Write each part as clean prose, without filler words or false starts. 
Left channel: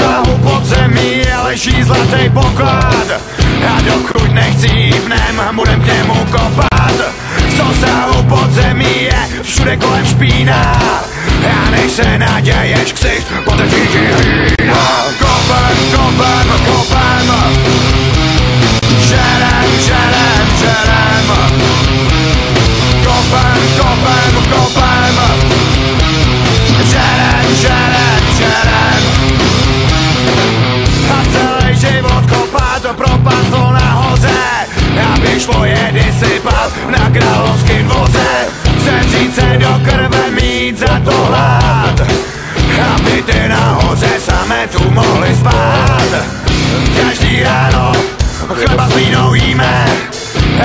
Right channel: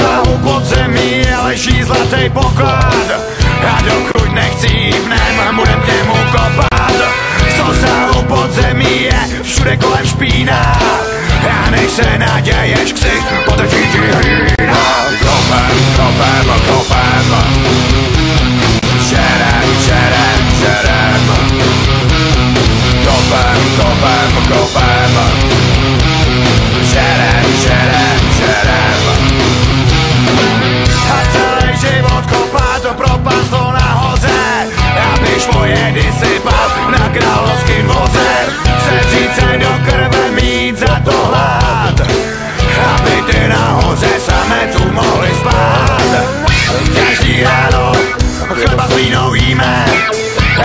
sahu podzemí leží zlatý poklad. A dokud nechcípnem, budem k němu kopat. Co sahu podzemí je všude kolem špína. A než se naděješ, ksicht potrčí ti hlína. Kopem, kopem, kopem, žerem, žerem, žerem. Kopem, kopem, kopem, žerem, žerem, žerem. A celý život kopat do propastol nahoře, aby šlo jedy sypat na královským dvoře. Sedřít se do krve, mít za to hlad, aby ty nahoře samé tu mohli spát. Každý ráno chleba s vínou jíme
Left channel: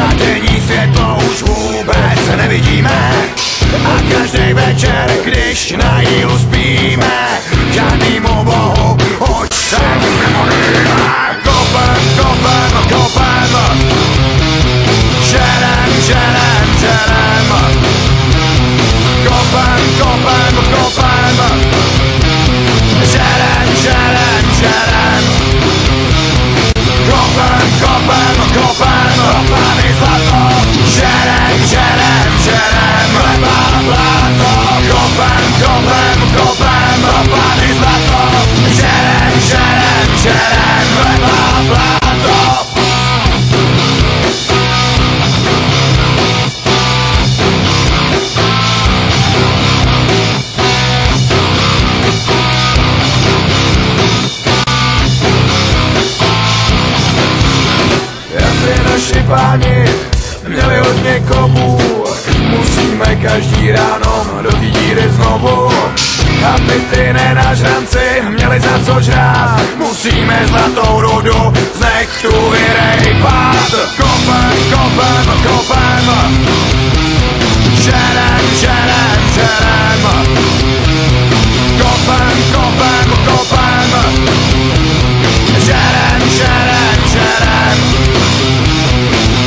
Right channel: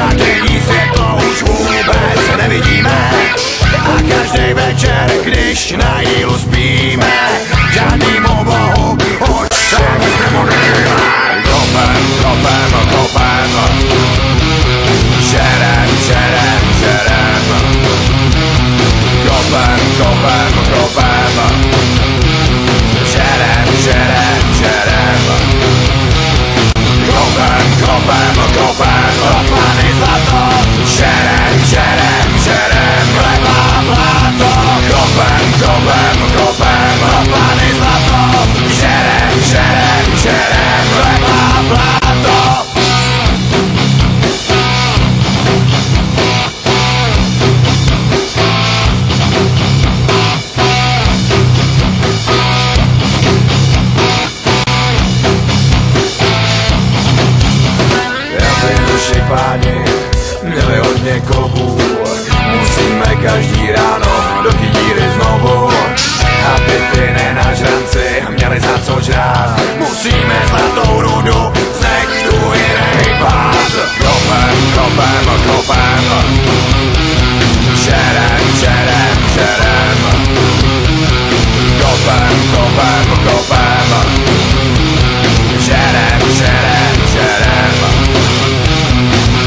a denní světlo už vůbec nevidíme. A každý večer, když na jílu spíme, žádnýmu bohu už se nemodlíme. Kopem, kopem, kopem, žerem, žerem, žerem. Kopem, kopem, kopem, žerem, žerem, žerem. Kopem, kopem, kopem, kopany zlato, žerem, žerem, žerem. Chleba, bláto, kopem, kopem, kopem, kopany zlato, žerem, žerem, žerem. Chleba, bláto. Naši páni měli hodně kovů, musíme každý ráno do té díry znovu. Aby ty nenažranci měli za co žrát, musíme zlatou rudu z nechtu i rejpat. Kopem, kopem, kopem, žerem, žerem, žerem. Kopem, kopem, kopem, žerem, žerem, žerem.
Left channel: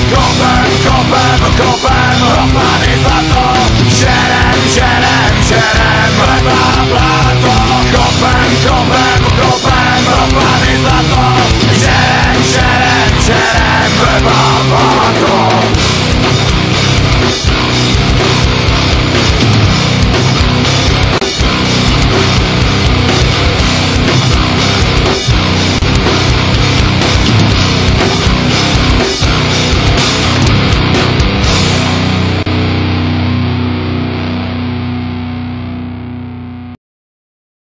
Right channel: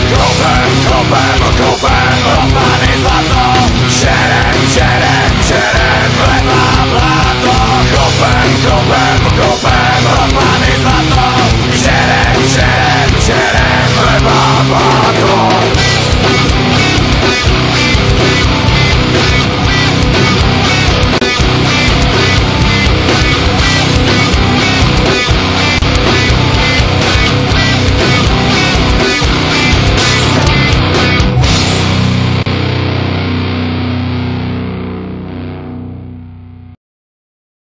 Kopem, kopem, kopem, kopany zlato, žerem, žerem, žerem. Chleba, bláto, kopem, kopem, kopem, kopany zlato, žerem, žerem, žerem. Chleba, bláto.